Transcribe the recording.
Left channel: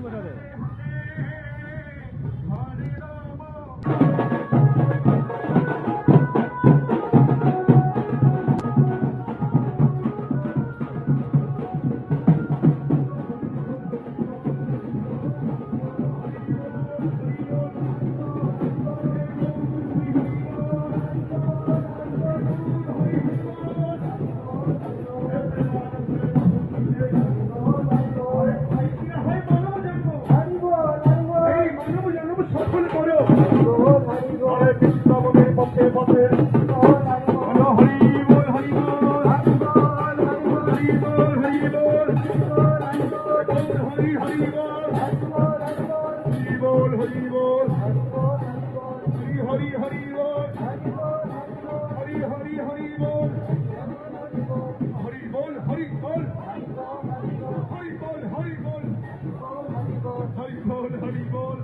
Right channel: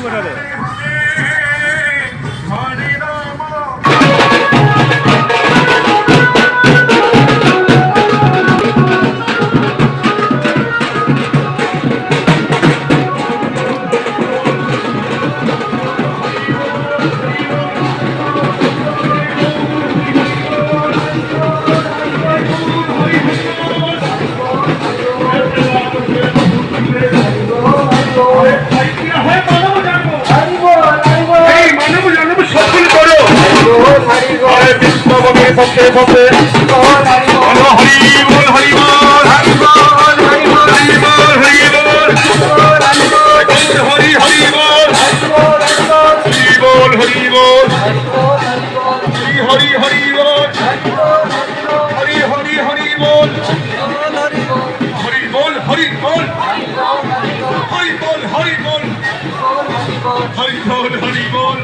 একটু ঘটালে পক্ষে পক্ষে হরি বল হরি বল হরি বল হরি বল হরি বল হরি বল হরি হরি বল হরি বল হরি বল হরি হরি বল হরি হরি হরি বল হরি বল হরি বল হরি বল হরি বল হরি বল হরি বল